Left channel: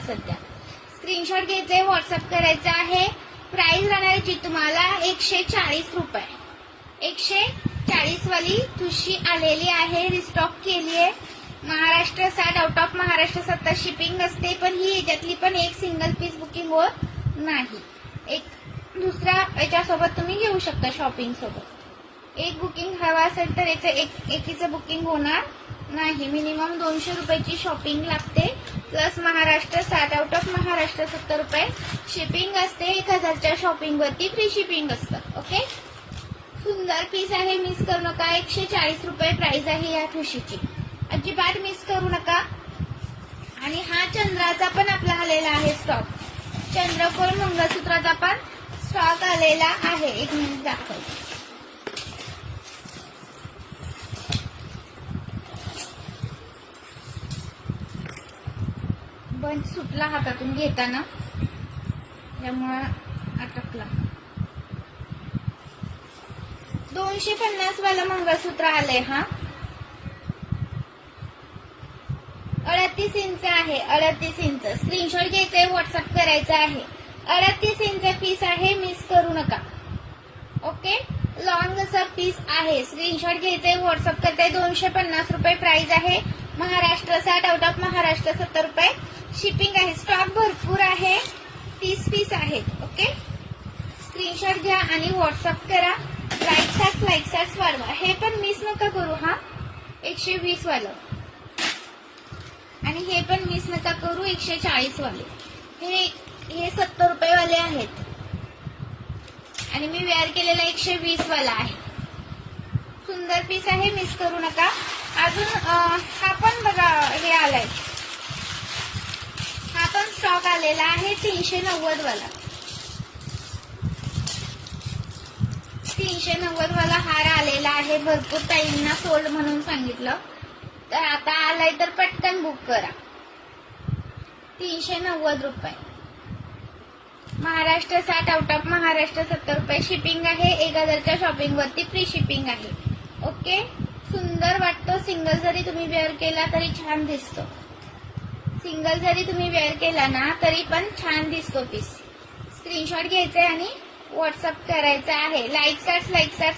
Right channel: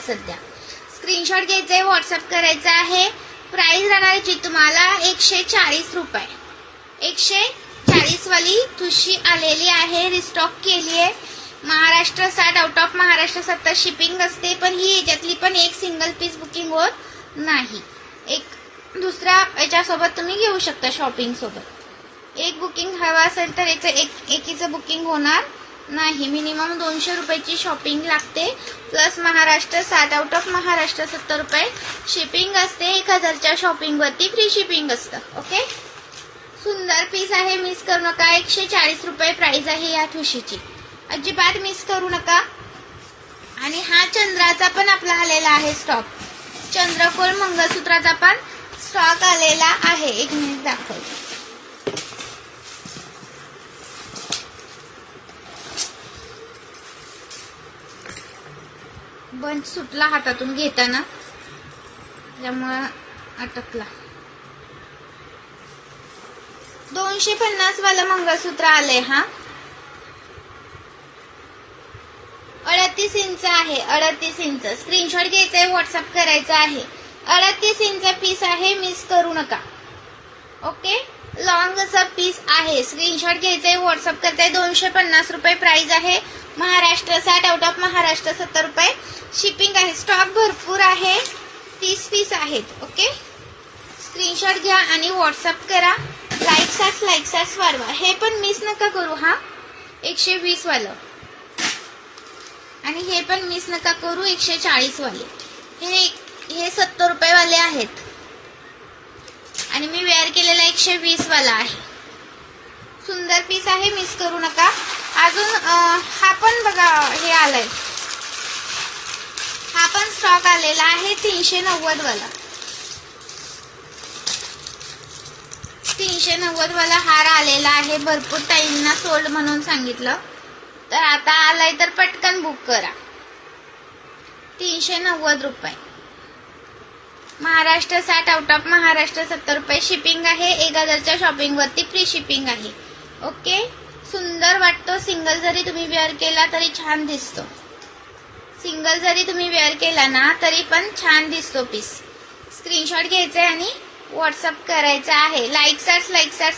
सध्या स्क्रीनशॉट घ्यायचा आहे, व्हॉट्सअप करायचा आहे। प्राइस राहणार आहे तुम्हाला 140 रुपये। 140 वाली ठुशी आलेली आहे, रिस्टॉक केली आहे। Maharashtra 60, out of Maharashtra 70 shipping असते, पण ही याच्यातली पण एक सिंगल पीस बुकिंग होत नाही। एक दुसऱ्या याच्यासोबत तुम्ही घेऊ शकता, शॉपिंग सोबत। एक बुकिंग हवा असेल तर याचं एकीचं बुकिंग होणार नाही। मिनिमम 200 रुपयाची शॉपिंग लागते, plus Maharashtra 60, out of Maharashtra 70 रुपये शिपिंग असते। 1000च्या शॉपिंग वरती फ्री शिपिंग असतं। ओके, सुंदर पीस आहे, मिस करू नका। 140 रुपये प्राइस आहे या ठुशीची, अजिबात मिस करू नका। आणि हा चंद्राचा पण आपला आलेला आहे स्टॉक, चंद्रकोर मंगळसूत्राचा पण स्टॉक आलेला आहे। एक मिनिट दाखवते। बंद सुटला हातातून घेताना, त्यामुळे अटकला। 250 वाला मंगळसूत्र आलंय हा, 38 इंच आहे, 38 इंच। स्क्रीनशॉट घ्यायचा आहे, व्हॉट्सअप करायचा आहे। 38 इंच पीस आहे, मिस करू नका। ओके, लॉंग असा पीस आहे, स्क्रीनशॉट घ्यायचा आहे, व्हॉट्सअप करताय। 250 रुपये प्राइस आहे। महाराष्ट्र 60, आउट ऑफ महाराष्ट्र 70 रुपये शिपिंग आहे। स्टॉक भरपूर आहे, 30 पीस आहेत। ओके, स्क्रीनशॉट घ्या आणि व्हॉट्सअप करा। लाईक्स वाढवा, हे पण मिस नका करू। हा 120 वालं, आणि हे पण मिस नका करू 140 वाले। हे 70 रुपये वाले आहेत, आणि मी वेअर केलेला 120 वाला आहे। सुंदर पीस आहे, मिस करू नका। अजून हा पण बघा, हे आलाय, हा पण स्टॉक आलेला आहे 390 वाला। 390 वाला हार आलेला आहे, भरपूर टाइमना सोल्ड म्हणून सांगितलं, तर आता आलाय तर पटकन बुक करा। 390 रुपये। महाराष्ट्र 60, आउट ऑफ महाराष्ट्र 70 रुपये शिपिंग आहे। 1000च्या शॉपिंग वरती फ्री शिपिंग आहे। ओके, सुंदर वाटतो। सिंगल जरी तुम्ही वेअर केला तरी छान दिसतो, सिंगल जरी तुम्ही वेअर केला ना तरी पण छान दिसतो पीस। स्क्रीनशॉट घ्यायचा आहे आणि व्हॉट्सअप करायचा आहे। लाईक्स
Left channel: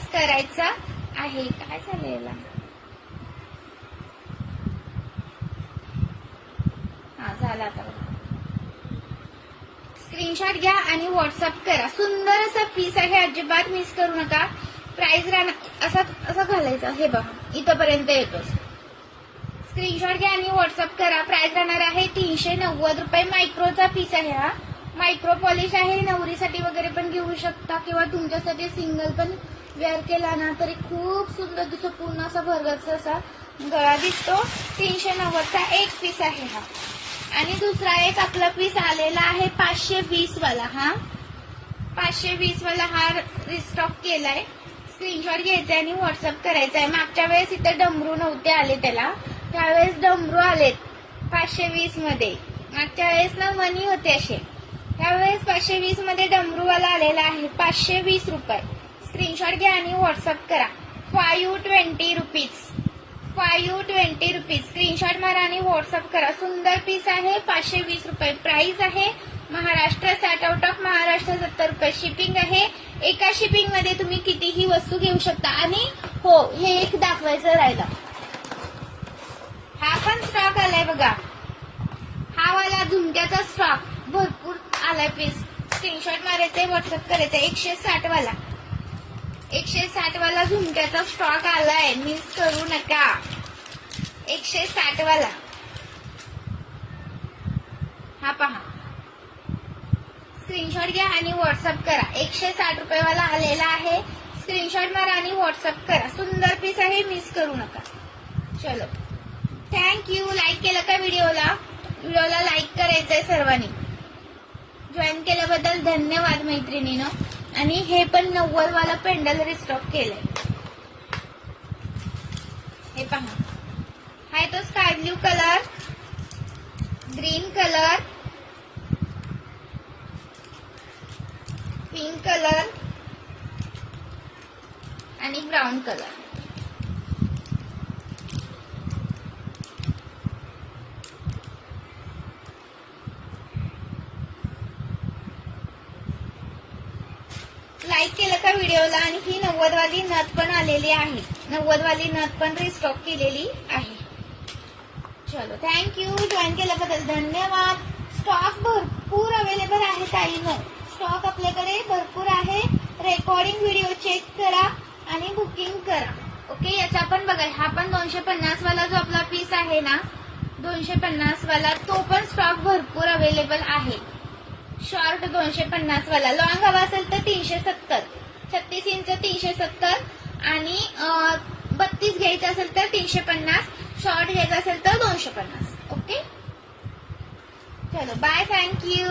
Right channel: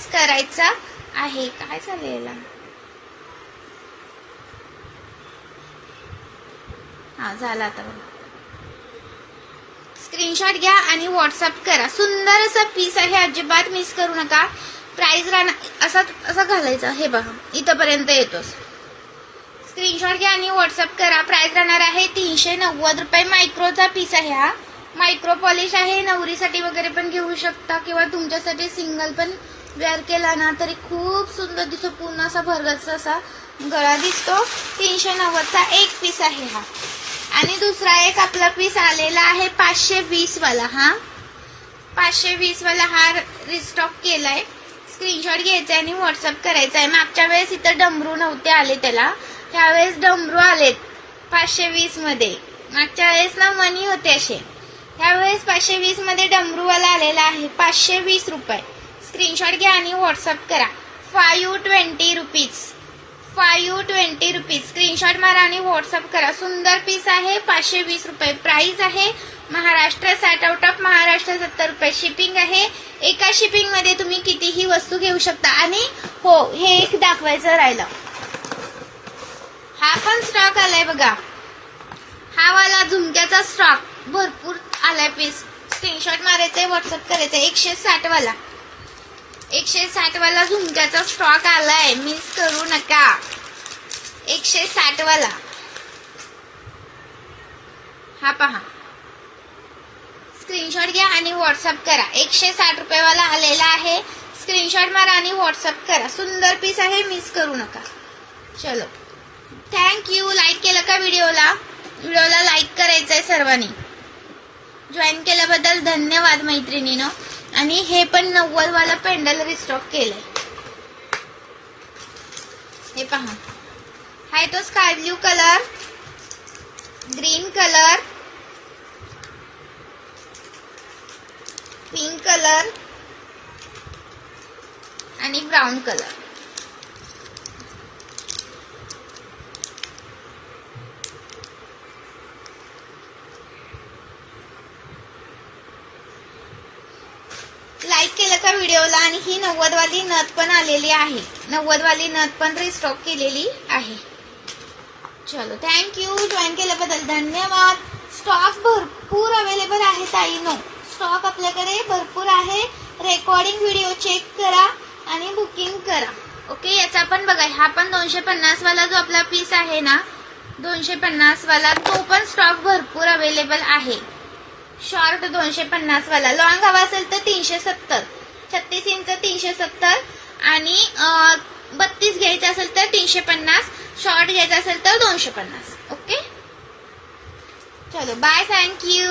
करायचा आहे। काय झालं याला? हा झाला आता बघा। स्क्रीनशॉट घ्या आणि व्हॉट्सअप करा। सुंदर असा पीस आहे, अजिबात मिस करू नका। प्राइस राहणार असा घालायचा, हे बघा इथपर्यंत येतोस। स्क्रीनशॉट घ्या आणि व्हॉट्सअप करा। प्राइस राहणार आहे 390 रुपये। मायक्रोचा पीस आहे हा, मायक्रो पॉलिश आहे। नवरीसाठी वगैरे पण घेऊ शकता, किंवा तुमच्यासाठी सिंगल पण वेअर केला ना तरी खूप सुंदर दिसतो। पूर्ण असा भरगच्च असा गळा दिसतो। 390चा एक पीस आहे हा। आणि दुसरा एक आपला पीस आलेला आहे 520 वाला। हा 520 वाला हा रिस्टॉक केलाय। स्क्रीनशॉट घ्यायचा आणि व्हॉट्सअप करायचा आहे। मागच्या वेळेस इथं डमरू नव्हते आले त्याला, त्यावेळेस डमरू आलेत 520 मध्ये। मागच्या वेळेस ना मनी होते असे, त्यावेळेस 520 मध्ये डमरूवाला आलेला आहे 520 रुपये। स्क्रीनशॉट घ्या आणि व्हॉट्सअप करा। 520 रुपीज, 520 रुपीज। स्क्रीनशॉट मारा आणि व्हॉट्सअप करा। सुंदर पीस आहे, 520 रुपये प्राइस आहे। महाराष्ट्र 60, आउट ऑफ महाराष्ट्र 70 रुपये शिपिंग आहे। एका शिपिंग मध्ये तुम्ही कितीही वस्तू घेऊ शकता। आणि हो, हे एक दाखवायचं राहिलं, हा पण स्टॉक आलाय बघा। हा वाला झुमक्याचा स्टॉक भरपूर आलाय पीस। स्क्रीनशॉट मारायचे, व्हॉट्सअप करायचे। 160 वाला, 160 वाला झुमक्याचा स्टॉक आलाय, मिस करू नका। 160 वाला हा पहा, स्क्रीनशॉट घ्या आणि व्हॉट्सअप करा। 160 रुपये वाला आलेला आहे। स्क्रीनशॉट मारा आणि व्हॉट्सअप करा। सुंदर पीस आहे, मिस करू नका। चलो, थँक्यू। लाईक केलं का व्हिडिओला? व्हिडिओला लाईक करायचंय सर्वांनी। जॉईन केल्याबद्दल धन्यवाद मैत्रिणीनो। आणि हे पण 90 वाला पेंडल रिस्टॉक केलंय, हे पहा। हाय तो sky blue colour, green colour, pink colour आणि ब्राउन कलर। लाईक केलं का व्हिडिओला. आणि ही 90 वाली नथ पण आलेली आहे. 90 वाली नथ पण रिस्टॉक केलेली आहे. चलो थँक्यू. जॉईन केल्याबद्दल धन्यवाद. स्टॉक भरपूर अवेलेबल आहे ताईनो. स्टॉक आपल्याकडे भरपूर आहे. रेकॉर्डिंग व्हिडिओ चेक करा आणि बुकिंग करा. ओके. याचा पण बघा, हा पण 250 वाला जो आपला पीस आहे ना, 250 वाला, तो पण स्टॉक भरपूर अवेलेबल आहे. शॉर्ट 250 वाला. लॉंग हवा असेल तर 370. 36 इंच 370 आणि 32 घ्यायचं असेल तर 350. शॉर्ट घ्यायचा असेल तर 250. ओके. चलो बाय. थँक्यू.